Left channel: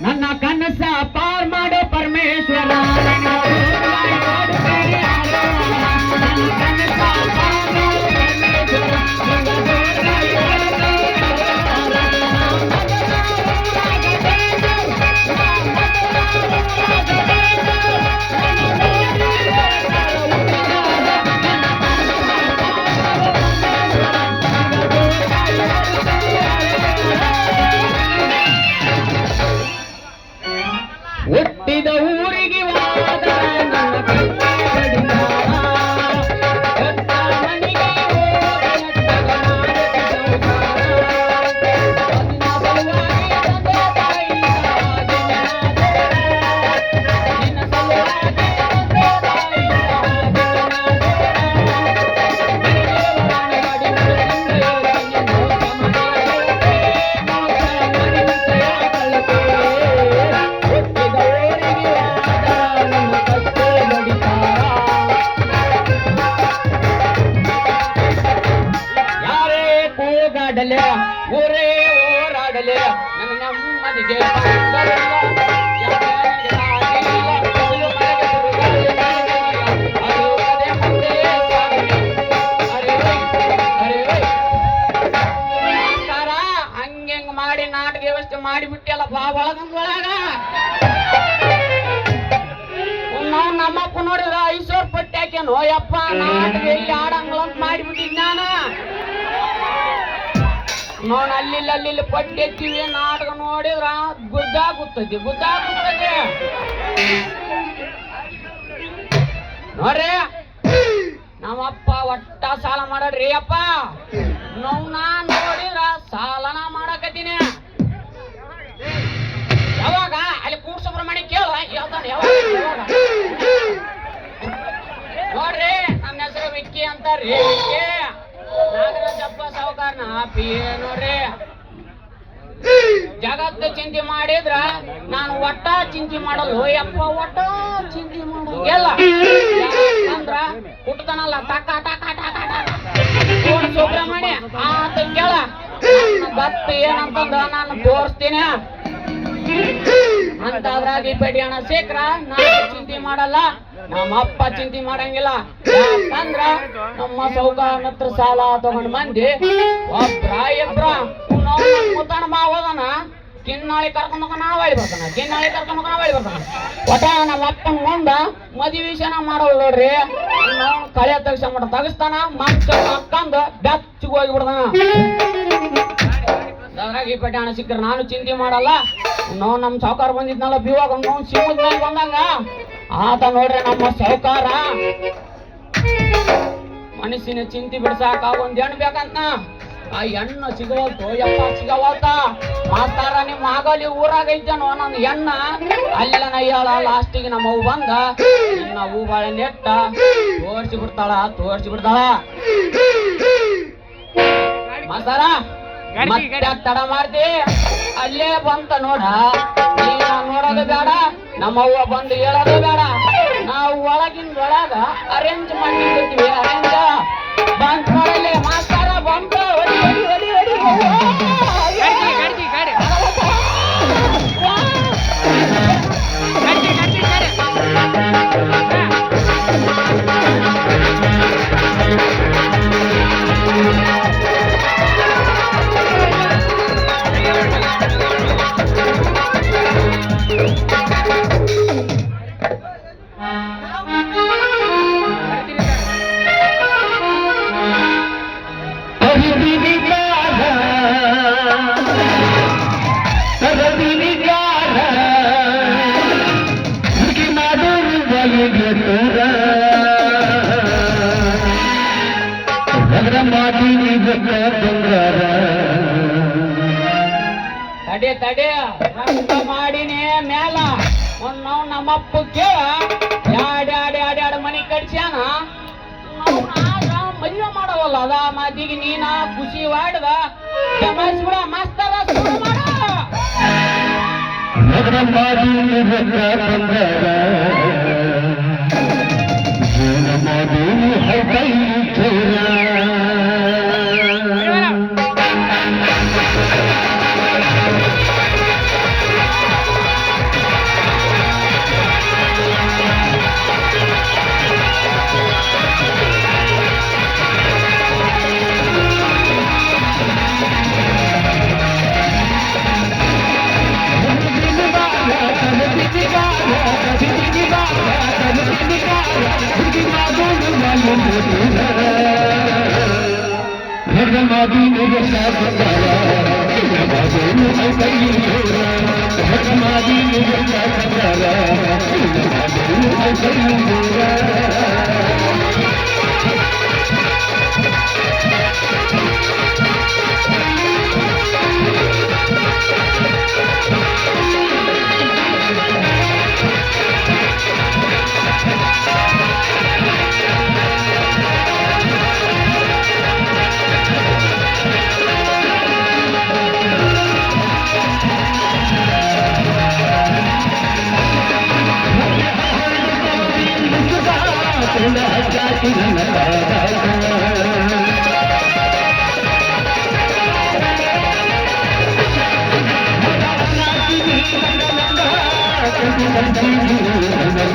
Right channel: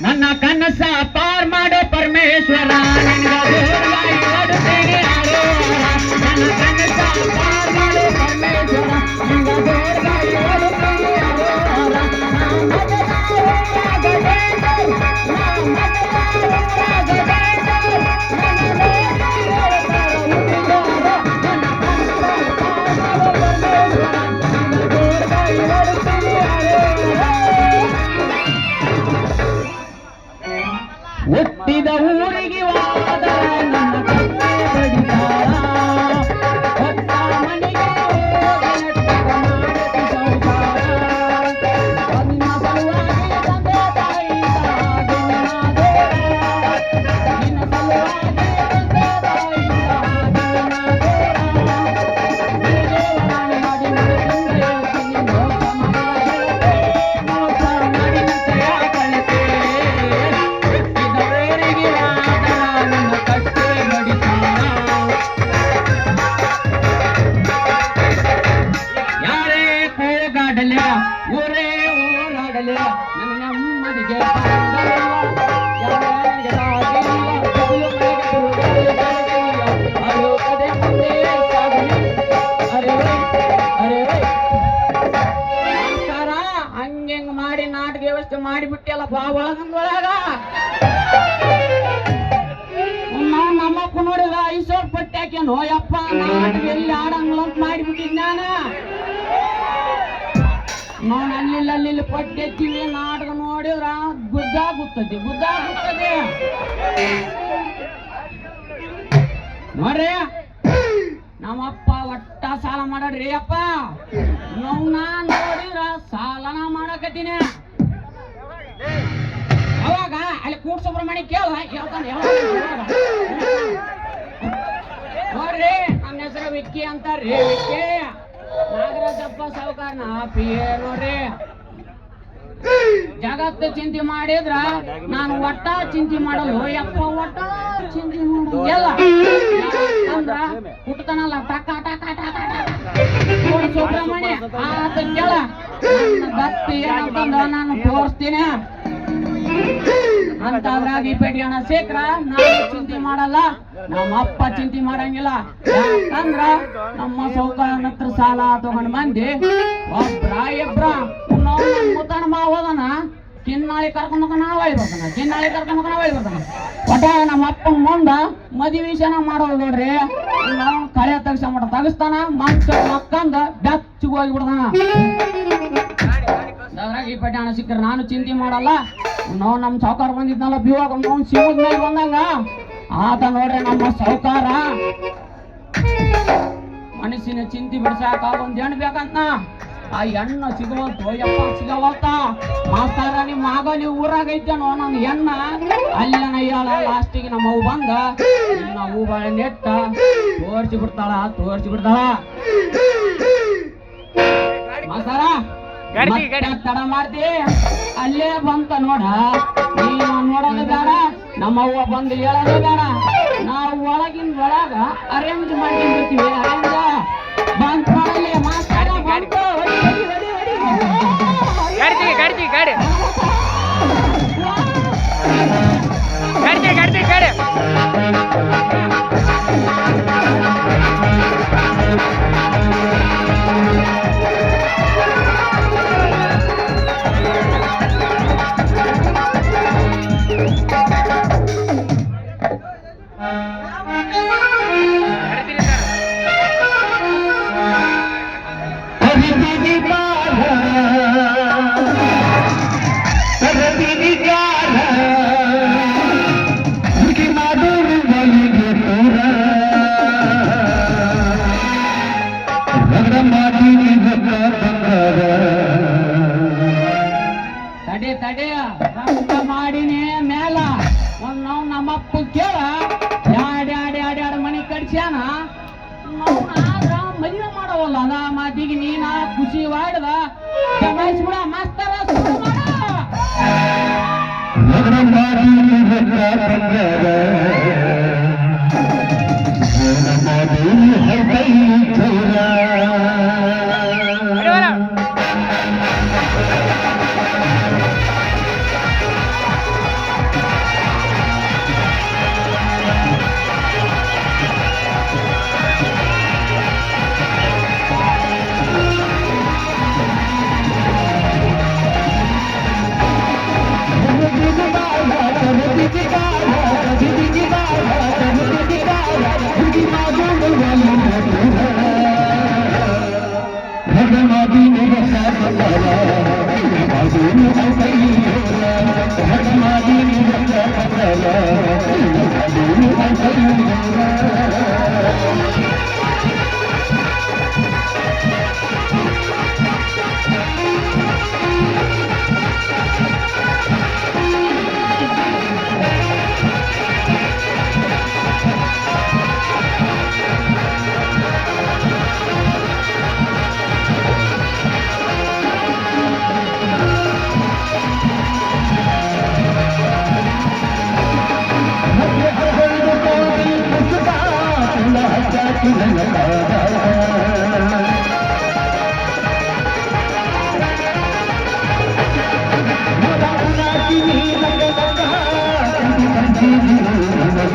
ನನ್ನ ಕನಸ ಪಾರ್ ಮಾಡೋ ಪರಮೇಶ್ವರ ನನ್ನ ಕನಸ ಪಾರ್ ಮಾಡೋ ಹುಟ್ಟಿದ ಊರಿಗೆ ಹೋದ ನನ್ನ ಕತ್ತೆ ಬಡಿದಾರ ಕೊಟ್ಟ ಮನೆಗೆ ಹೋದ ಅದನ್ನ ಸಲುವಾಗಿ ತಂದೆ ತಾಯಿ ನಿನ್ನ ಸಲುವಾಗಿ ತಂದೆ ತಾಯಿ ಊರೇ ಓರಾಡಲೆ ನನ್ನ ನೆಮ್ಮದಿಗೆ ಹಂಗೆಂಗ್ ಮಾಡಿ ನಾಟಕ ವ್ಯವಸ್ಥೆ ಮಾಡಿಬಿಟ್ಟೆಲ್ಲ ಬಾ ಒಳಗಂದೊಳಗ ನಮ್ಮಪ್ಪ ನೋಡಿದ ಐಶ್ವರ್ ಪಟ್ಟ್ಯಾಕೆ ನೋಯಪ್ಪ ನಾಟಕ ಎಲ್ಲಿ ಆಡಂಗ್ಲ ಅಂತ ಮಾಡಿಬಿಟ್ಟಿದ್ ನಾನ ನೋಡ್ ಅಲ್ಲಿ ಪಟ್ಟೆತ್ತೀವಿ ನಾಟಕ ನೋಡಿದ್ರ ಗುದ್ದಾಗುತ್ತದೆ ನೋಡ್ರಿ ನಮ್ಮಪ್ಪ ಒಟ್ಟ ಸಾಲ ಮಾಡ್ರಿ ಅಪ್ಪ ನಾನ್ ನೋಡಿದ್ರ ಸಾಲನ ಮಾಡಕತ್ತೀನಿ ಯಾವಾಗ ಅಲ್ಲಿ ಕೂಡ್ ಸುಬ್ರಹ್ಮಣ್ಯ ಕೇಳ ಹೇಳ್ತಾನೆ ಯಾವಾಗ ನೋಡ್ರಿ ನನ್ನ ಹೆಸರು ವಿಕ್ಕಿ ಅಂತಾರ್ರಿ ವಿಕ್ಕಿ ನಾಗರಾಜಪ್ಪ ಸಾವುಕಾರನ ಪಿಯೇ ನೋಡ್ರಿ ಜಗತ್ತ ಚಿಂತೆ ಮಾಡಿದ್ರ ನಾನು ಒಟ್ಟ ಚಿಂತೆ ಮಾಡಲು ಯಪ್ಪ ಒಟ್ಟ ಚಿಂತೆ ಮಾಡೋಲ್ಲ ಅಂದ್ರ ಹುಟ್ಟತಾನಲ್ಲ ಟಕ ಟಕ ಟಕ ಟಕ ಸುಬ್ರಹ್ಮಣ್ಯ ಆತ ಕೇಳ ನನ್ನ ಗತ್ತು ಏನಂತಂದ ನಾನು ತೋರಿಸ್ತೀನಿ ಅಂತಂದ್ರಾಗಿ ಪೆಡಿ ಹಣ ಸಿಕ್ರ ನಾನು ಚಿಂತೆ ಮಾಡಲ್ಲ ನಮ್ಮಪ್ಪ ಚಿಂತೆ ಮಾಡಂಗಿಲ್ಲ ಯಾಕಂದ್ರ ನಮ್ಮ ಸೌಕಾರನ ಹತ್ರ ಸಾಲ ತಗೊಂಡ್ ಮಂದಿ ಒಬ್ರ ಇಬ್ರ ಮುತ್ತಣ ಹೋದನ ಕಿನ್ನಾಳಿ ಕರ್ಕೊಂಡ್ ನಾವಳಿ ಬರ್ತಾನ ಒಟ್ಟ ನಮ್ಮ ಅಪ್ಪನ ಮುಂದ ಮದುವೆ ವಿಷಯನ ಮಾಡೋದು ನೋಡ್ರಿ ನಾವು ಕಳೆ ತೆಗಿಸ್ತಾನ ಮಕ್ಕಂದ ಬೆಚ್ಚಗೆ ಹೋಗಿ ಬಿಡ್ತಾನ ಅದ್ರಾಗ ಈ ಪೆಟ್ಟಿ ಹಣ ಸಿಕ್ಕ್ರ ನಾನು ಚಿಂತೆ ಮಾಡಲ್ಲ ನಾವು ನಮ್ಮ ಸಾವುಕಾರ ಬಂದಿದ್ನಲ್ಲ ಬಿವಾಗ ನಾವು ಸಿಗೋದ್ ಮೇಲೆ ಬಂದಂಗ ಆತ ನೋಡ್ರಿ ನಮ್ಮ ಸಾವುಕಾರ ಮನಸ್ಸಿನ ಚಿಂತೆ ಬಿಡ್ಸಾಕ ಒಂದ್ ಹೆಣ್ಣು ಬೇಕಂತ ಆ ಹೆಣ್ಣು ಸಿಗವಲ್ತು ಯಪ್ಪ ಸಿಗವಲ್ತ ಮಾಸ್ತಾರ ನಿಮ್ಮ ಆಗಲಿ ಊರಾಗ ಐತೇನೋ ನನ್ನ ಹೆಣ್ಣ ಅಲ್ಲಿನ ಹೇಳ ಲಾಸ್ಟಿಗೆ ನಮ್ಮ ಹೂ ಬಂದ ನನ್ನ ಹೂ ಬಾಳೆ ನೆಟ್ಟ ತೋರ್ಸಿ ಬಿಡ್ತಾಳ ಮಾಸ್ತಾರ ತಡ ಮಾಡ್ತಿ ಅಲ್ಲೇ ಬಂತ ನೋಡ ನೀನು ನೋಡೋದು ಬೇಡ ನಮ್ಮವ್ವ ಬಂದು ಹೇಳೋದು ಬೇಡ ನಾವು ಒಳಗ ಅರೇಂಜ್ ಮಾಡ್ತಿರ್ತೀವಿ ಅರೇಂಜ್ ಬಂತ ನೋಡಲಿ ಮಾಸ್ತಾರ ಬಂತ ತಡೆ ಹಂಗ ಮಾಡಿನೇ ಮೇಲ ನಾವು ನಮ್ಮಪ್ಪ ಕೇಳ ಆಡ ಮನಿ ಕಡ್ಸ್ಯಾನ ಮದುವೆ ಮಾಡವಲ್ಲ ಅದ ಮಾತಿಗೆ ನೀನ ಖುಷಿ ಮಾಡಿದ ಬಿಡ ಮಾಸ್ತರ ದಾರ